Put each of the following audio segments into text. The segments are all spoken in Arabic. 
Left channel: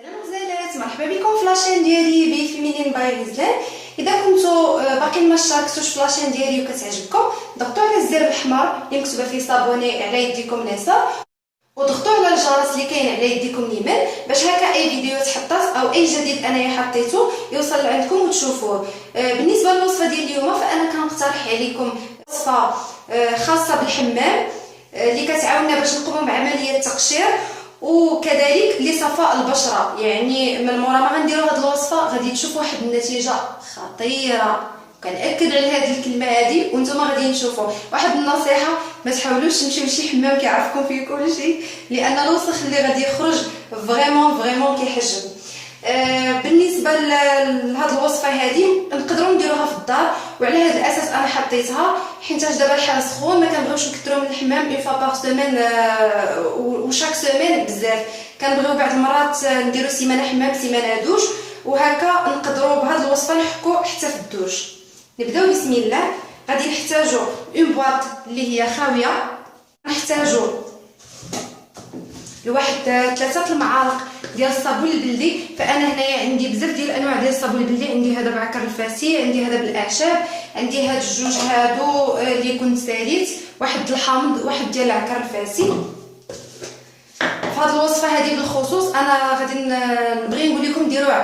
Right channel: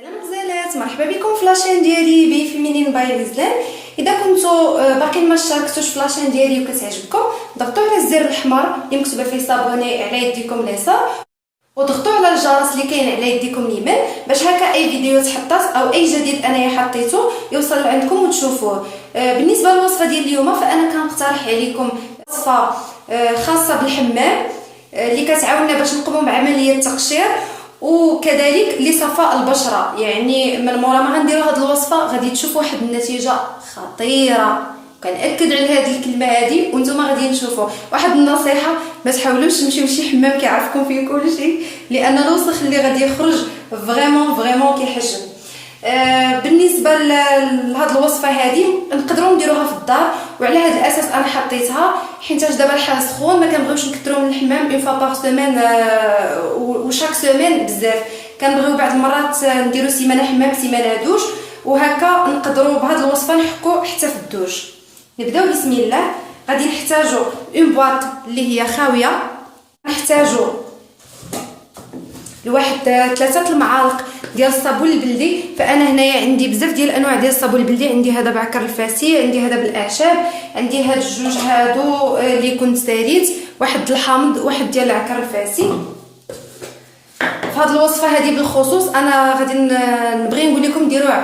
سلام غزالات، مرحبا بكم في لاشين ديالي بي فيمينين باي غزلان. اذا كنتو باقيين ما اشتركتوش في لاشين ديالي وكتعجبكم، ضغطوا على الزر الاحمر اللي مكتوبه فيه صابوني على يديكم اليسار، وضغطوا على الجرس اللي كاين على يديكم اليمين باش هكا اي فيديو تحطات او اي جديد انايا حطيته يوصل عندكم وتشوفوه. بالنسبه للوصفه ديال اليوم فانا كنقترح عليكم وصفه خاصه بالحمام اللي كتعاوننا باش نقوموا بعمليه التقشير وكذلك لصفاء البشره. يعني من مورا ما غنديروا هذه الوصفه غادي تشوفوا واحد النتيجه خطيره، كنأكد على هذه الكلمه هذه وانتم غادي تشوفوا. واحد النصيحه، ما تحاولوش تمشيو لشي حمام كيعرفكم فيه كلشي، لان الوسخ اللي غادي يخرج فريمون كيحجم. بالنسبه لهاد الوصفه هذه نقدروا نديروها في الدار، وعلى هذا الاساس انا حطيتها حيت دابا الحال سخون، ما كنبغيوش نكثروا من الحمام اون فوا باغ سيمين وشاك سيمين بزاف، كنبغيو بعض المرات نديروا سيمانه حمام سيمانه دوش، وهكا نقدروا بهاد الوصفه نحكوا حتى في الدوش. نبداو بسم الله. غادي نحتاجوا اون بواط اللي هي خاويه، نحتاجوا لواحد 3 المعالق ديال الصابون البلدي. فانا هنايا عندي بزاف ديال الانواع ديال الصابون البلدي، عندي هذا بعكر الفاسي، عندي هذا بالاعشاب، عندي هاد الجوج هادو اللي كنت ساليت، واحد الحامض واحد ديال العكر الفاسي. فهاد الوصفه هذه بالخصوص انا غادي نبغي نقول لكم ديروا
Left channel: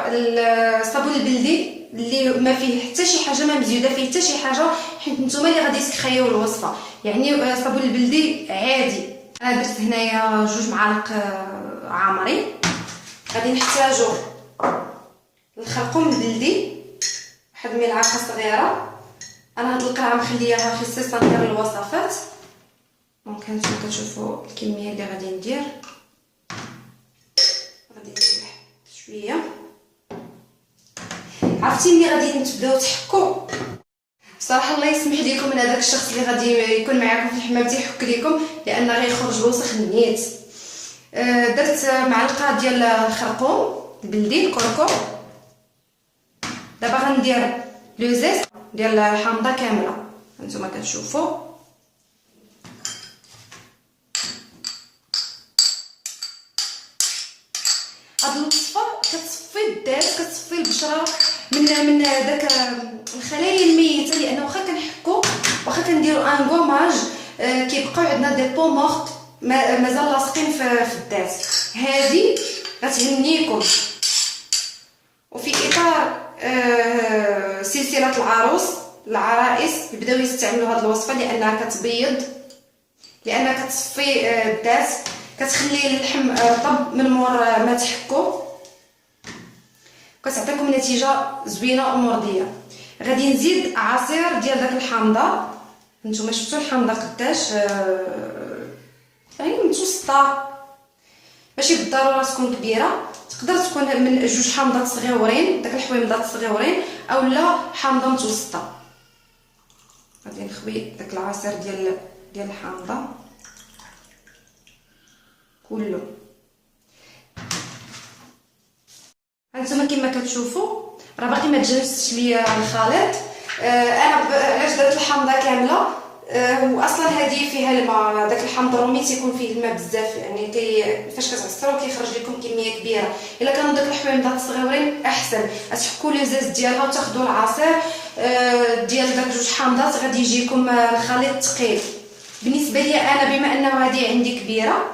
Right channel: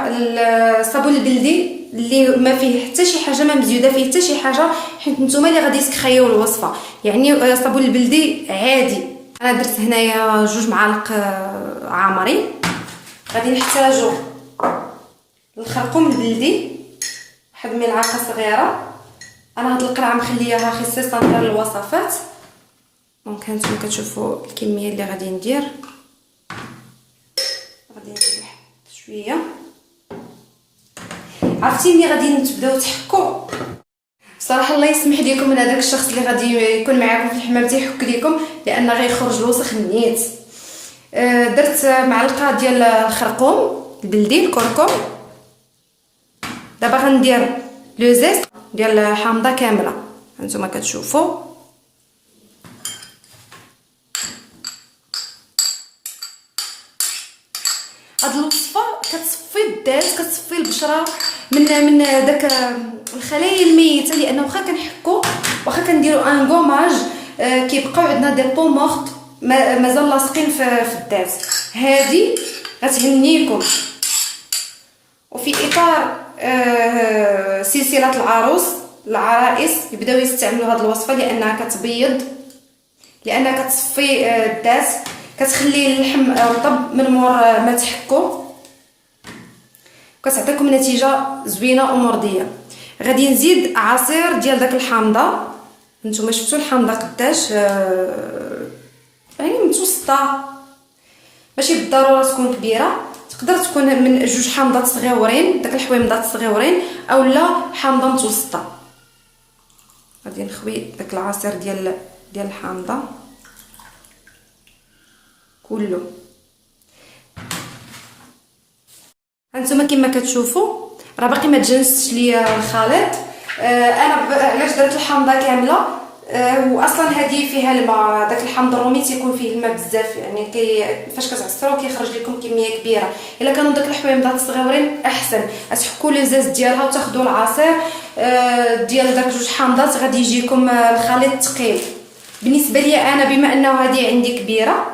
الصابون البلدي اللي ما فيه حتى شي حاجه، ما مزيوده فيه حتى شي حاجه، حيت نتوما اللي غادي تخيو الوصفه. يعني الصابون البلدي عادي. انا درت هنايا 2 معالق عامرين. غادي نحتاجو الخرقوم البلدي واحد ملعقه صغيره. انا هاد القرعه مخلياها خصيصا للوصفات، دونك هانتوما كتشوفوا الكميه اللي غادي ندير. غادي ندير شويه. عرفتي ملي غادي تبداو تحكوا، بصراحه الله يسمح لكم من هذاك الشخص اللي غادي يكون معاكم في الحمام تيحك لكم، لان غيخرج الوسخ نيت. درت معلقه ديال الخرقوم البلدي الكركم. دابا غندير لو زيت ديال الحامضه كامله، هانتوما كتشوفوا. هاد الوصفه كتصفي الدات، كتصفي البشره من داك الخلايا الميته، لانه واخا كنحكوا واخا كنديروا ان غوماج كيبقاو عندنا دي بو مورت مازال لاصقين في الدات. هذه غتهنيكم. وفي اطار سلسله العرائس يبداو يستعملوا هذه الوصفه، لانها كتبيض، لانها كتصفي الدات، كتخلي اللحم رطب من مور ما تحكوا، كتعطيكم نتيجه زوينه ومرضيه. غادي نزيد عصير ديال داك الحامضه. نتوما شفتوا الحامضه قداش يعني متوسطه، ماشي بالضروره تكون كبيره، تقدر تكون من 2 حامضات صغيورين، داك الحويمضات صغيورين، اولا حامضه متوسطه. غادي نخوي داك العصير ديال الحامضه كله. هانتوما كما كتشوفوا راه باقي ما تجانستش ليا الخليط. انا علاش درت الحامضه كامله، واصلا هذه فيها الماء، داك الحامض الرومي تيكون فيه الماء بزاف، يعني فاش كتعصروه كيخرج لكم كميه كبيره. الا كانوا داك الحويمضات الصغيورين احسن، تحكوا لي زاز ديالها وتاخذوا العصير ديال داك 2 حامضات، غادي يجيكم الخليط ثقيل. بالنسبه لي انا بما انه هذه عندي كبيره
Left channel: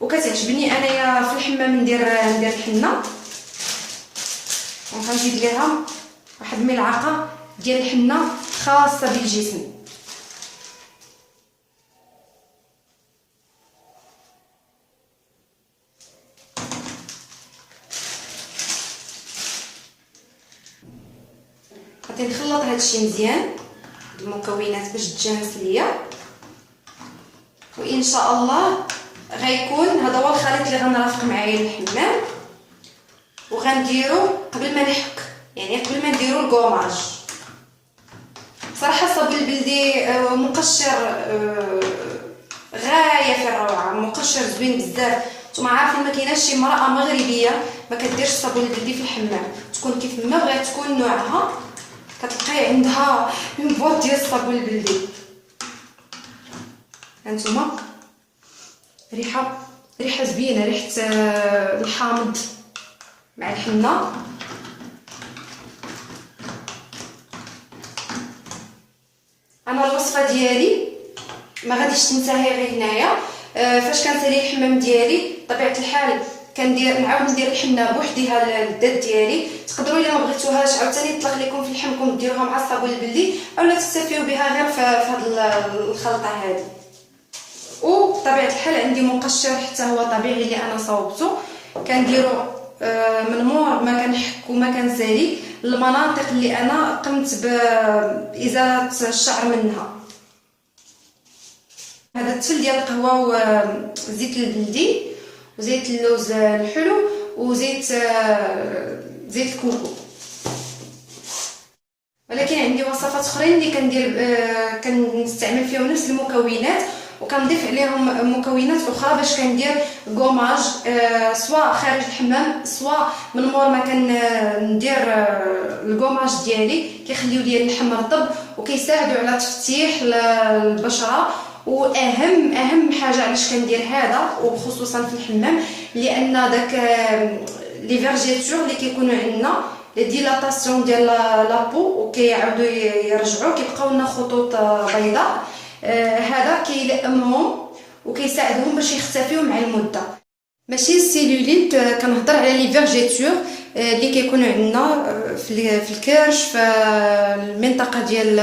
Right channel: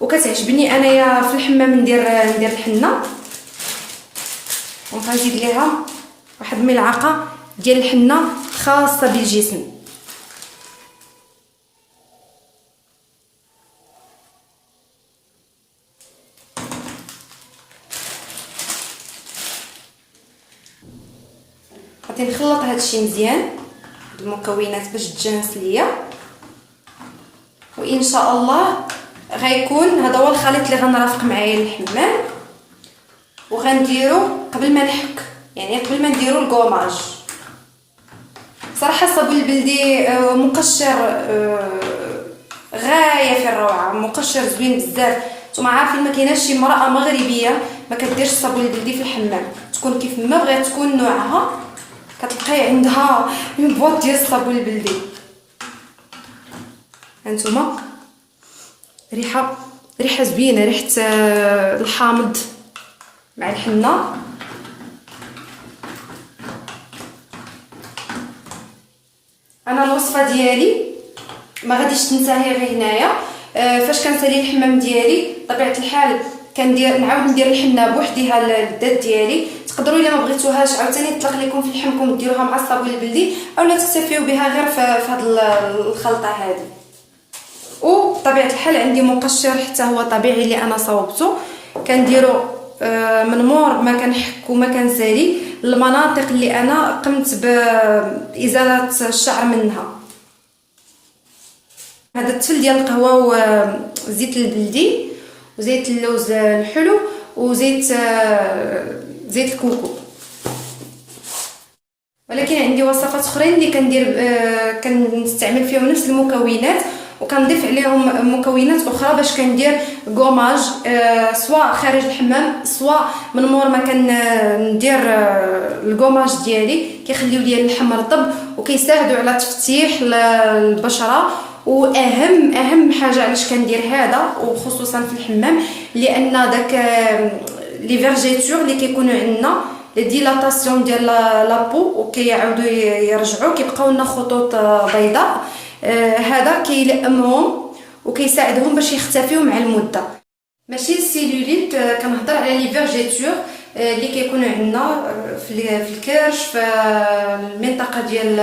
وكتعجبني انايا في الحمام ندير الحنه، وغنزيد ليها واحد ملعقه ديال الحنه خاصه بالجسم. غادي نخلط هادشي مزيان المكونات باش تجانس ليا، وان شاء الله غيكون هذا هو الخليط اللي غنرافق معايا الحمام. وغنديرو قبل ما نحك، يعني قبل ما نديرو الكوماج. صراحه الصابون البلدي مقشر غايه في الروعه، مقشر زوين بزاف. نتوما عارفين ما كايناش شي امراه مغربيه ما كديرش الصابون البلدي في الحمام، تكون كيف ما بغات تكون نوعها كتلقاي عندها اون بواط ديال الصابون البلدي. هانتوما ريحه زوينه، ريحه الحامض مع الحنه. انا الوصفه ديالي ما غاديش تنتهي غير هنايا. فاش كنسالي الحمام ديالي بطبيعه الحال نعاود ندير الحنه بوحديها للذات ديالي. تقدروا الا ما بغيتوهاش عاوتاني نطلق لكم في لحمكم ديروها مع الصابون البلدي اولا تكتفيو بها غير في هذه الخلطه هذه. وبطبيعه الحال عندي مقشر حتى هو طبيعي اللي انا صوبته، كنديرو من مور ما كنحك وما كنسالي المناطق اللي انا قمت بازاله الشعر منها. هذا التفل ديال القهوه وزيت البلدي وزيت اللوز الحلو وزيت الكوكو. ولكن عندي وصفات اخرين اللي كنستعمل فيهم نفس المكونات وكنضيف عليهم مكونات اخرى باش كندير غوماج سواء خارج الحمام سواء من مور ما كندير الغوماج ديالي، كيخليو لي اللحم رطب وكيساعدوا على تفتيح البشره. واهم حاجه علاش كندير هذا وخصوصا في الحمام لان داك لي فيرجيتور اللي كيكونوا عندنا لي ديلاتاسيون ديال لابو وكيعاودوا يرجعوا كيبقاو لنا خطوط بيضاء، هذا كيلئمهم وكيساعدهم باش يختفيو مع المده. ماشي السيلوليت، كنهضر على لي فيرجيتور اللي كيكونوا عندنا في الكرش في المنطقه ديال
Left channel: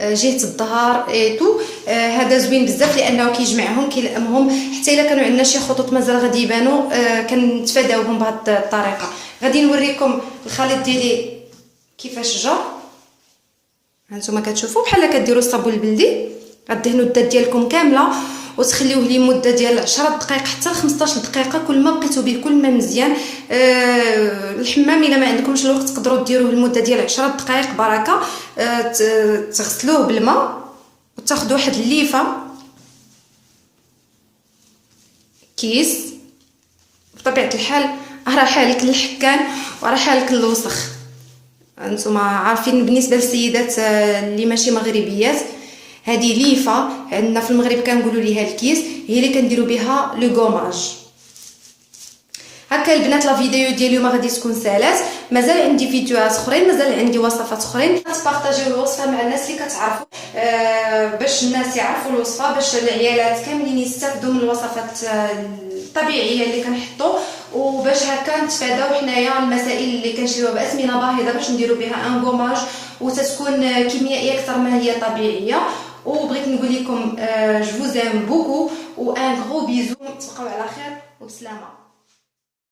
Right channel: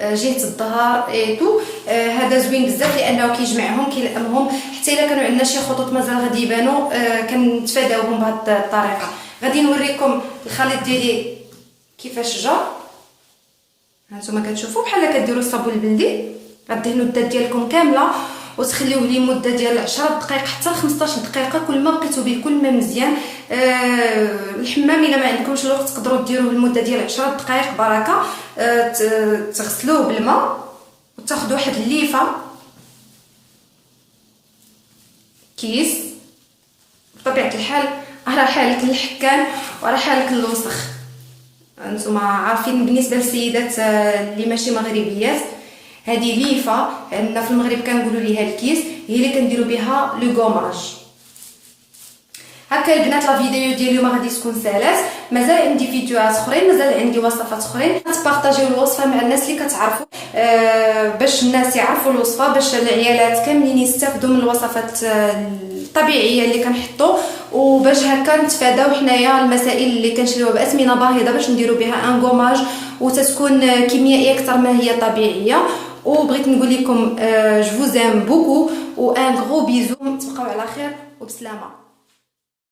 جهه الظهر ايتو. هذا زوين بزاف لانه كيجمعهم كيلئمهم حتى الا كانوا عندنا شي خطوط مازال غادي يبانوا كنتفاداوهم بهذه الطريقه. غادي نوريكم الخليط ديالي كيفاش جا. هانتوما كتشوفوا بحال كديروا الصابون البلدي، غدهنوا الذات ديالكم كامله وتخليوه لمده ديال 10 دقائق حتى 15 دقيقه. كل ما بقيتوا به كل ما مزيان. الحمام الا ما عندكمش الوقت تقدروا ديروه لمده ديال 10 دقائق بركه. تغسلوه بالماء وتاخذوا واحد الليفه كيس. بطبيعه الحال راه حالك الحكان وراه حالك الوسخ، انتم عارفين. بالنسبه للسيدات اللي ماشي مغربيات هذه ليفه عندنا في المغرب كنقولوا ليها الكيس، هي اللي كنديروا بها لو غوماج. هكا البنات لا فيديو ديال اليوم غادي تكون سالات. مازال عندي فيديوهات اخرين، مازال عندي وصفات اخرين. تبارطاجيو الوصفه مع الناس اللي كتعرفوا باش الناس يعرفوا الوصفه، باش العيالات كاملين يستافدوا من الوصفات الطبيعيه اللي كنحطوا، وباش هكا نتفاداو حنايا المسائل اللي كنشريوها باثمنه باهظه باش نديروا بها ان غوماج وتتكون كيميائيه اكثر ما هي طبيعيه. وبغيت نقول لكم جو فوز ام بوكو و ان غرو بيزو. تبقاو على خير وبسلامه.